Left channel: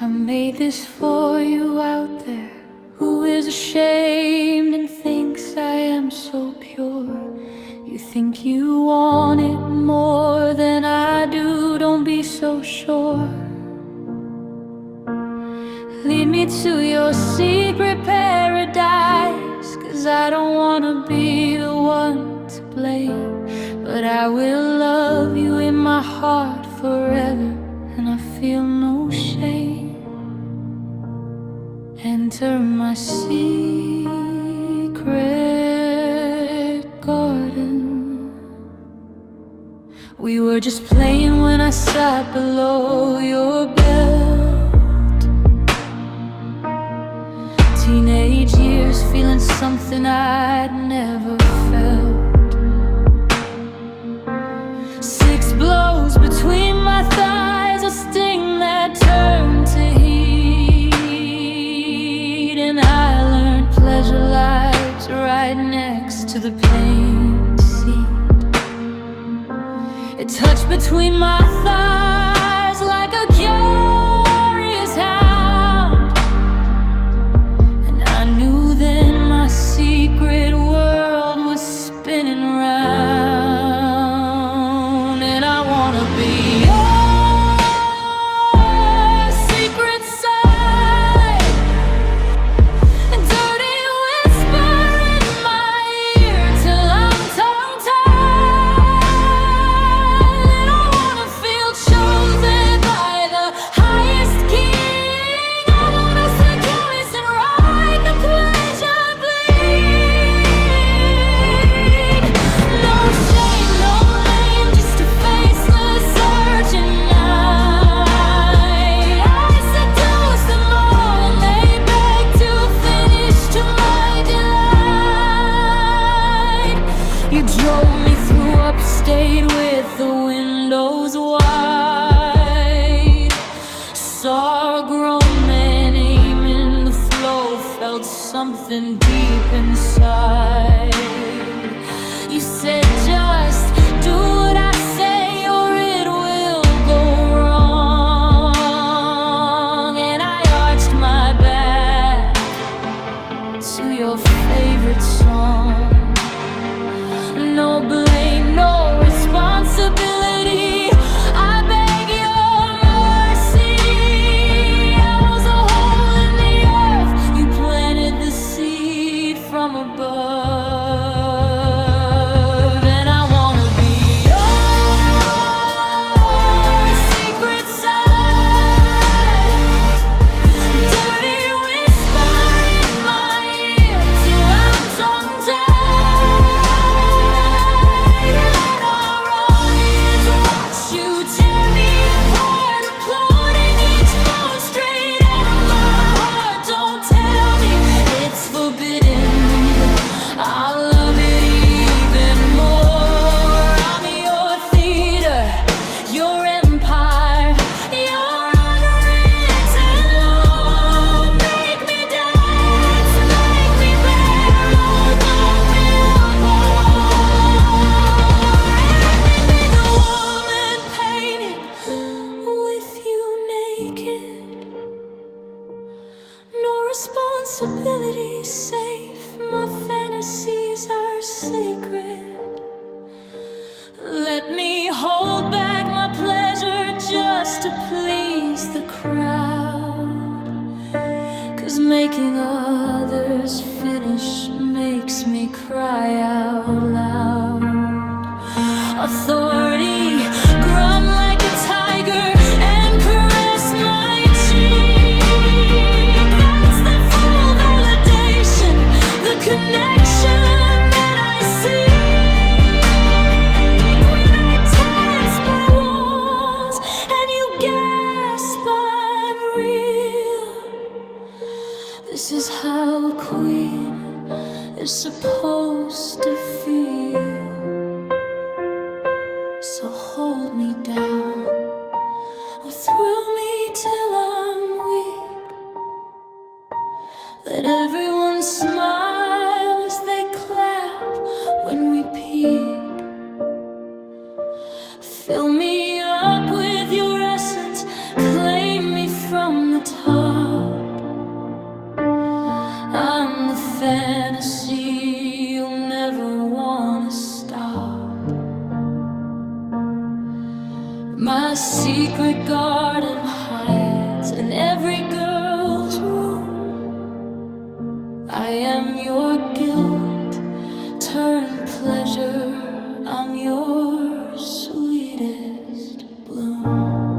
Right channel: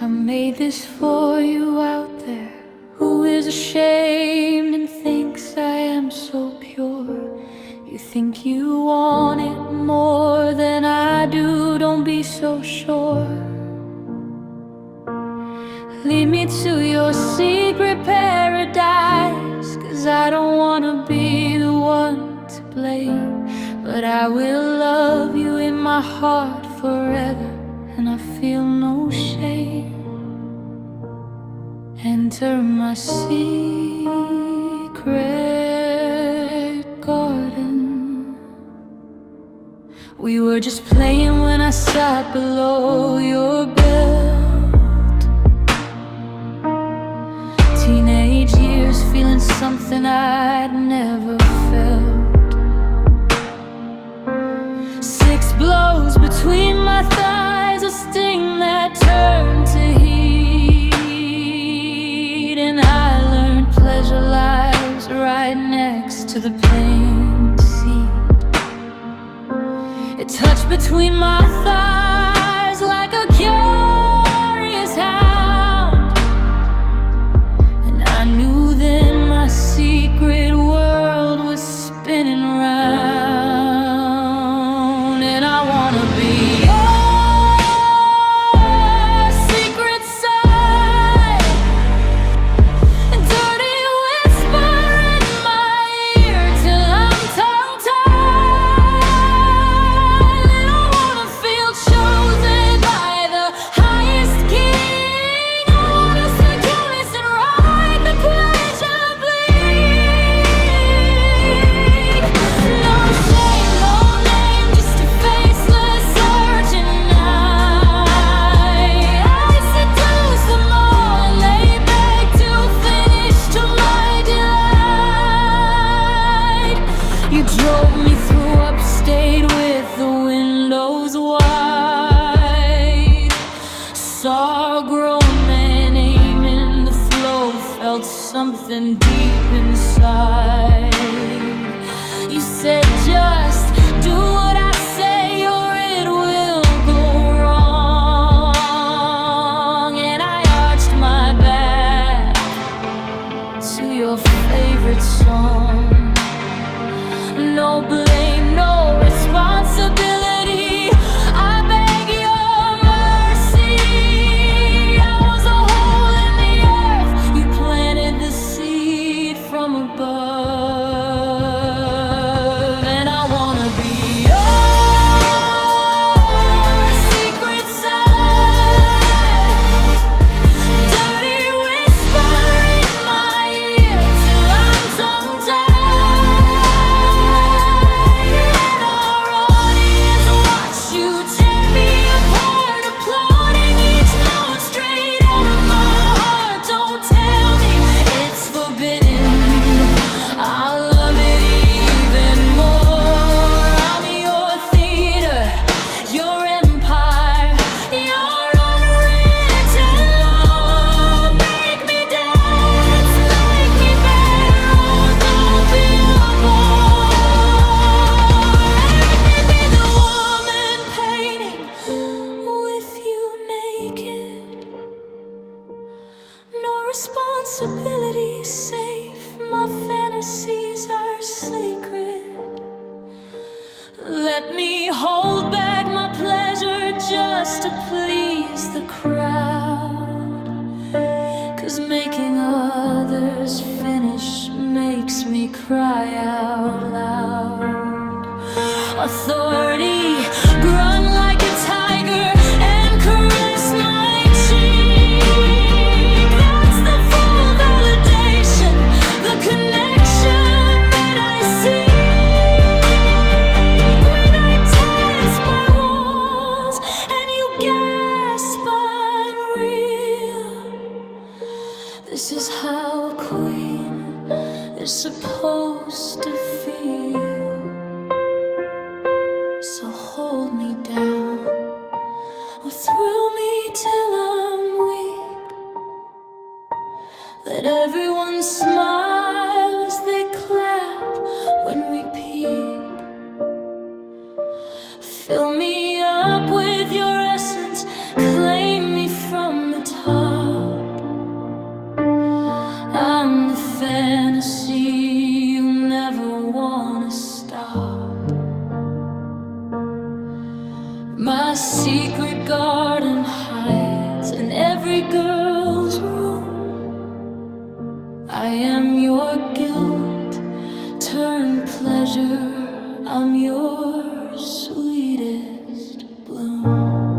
I made this for you out there who is ashamed and thinks I am so pure. You think you want it more than I do, don't be so sure. Lead me to your secret paradise, 'cause I don't wanna be the one to blame. But I will love you in my heart forever, and I feel no shame. Enter my secret garden. We were just playing when I sat below your belt. Teenage years, feeling something I'd never felt. 6 blows between my thighs, a sting that turned to heat. And I learned pleasure lies right next to the pain seat. It touched between my thighs like a curious hound, and I knew then my secret world was spinning round. And I wanna be drove me through upstate with the windows wide. Saw a grown man aiming the flow, felt something deep inside. You said just do what I say or it will go wrong. And I arched my back to your favorite song. No blame, no responsibility, I beg your mercy. I was a hole in the earth, you planted the seed from above. And I wanna be your secret side, dirty whisper in my ear till I'm tongue-tied. I'll love it even more. I'm your theater, your empire, your unwritten law. Make me dance, make me bear, oh, don't be a bore. Let me be the woman painting with you naked. No responsibility safe, my fantasies are sacred. Let me hold back my pleasure just to please the crowd, 'cause making others finish makes me cry out loud. Authority, grunt like a tiger and caress my cheek. That's the full validation, the connection that I seek. When I tense my walls and you gasp unreal, this is how a queen is supposed to feel. So hold me down, or thrill me till I'm weak. Let everyone smile as they clap when we peak. Fill me up with your essence, claim me from from the top. I'm the fantasy you'll never wanna stop. My secret garden hides in every girl's room. I am your guilt turned pleasure. I'm your sweetest bloom.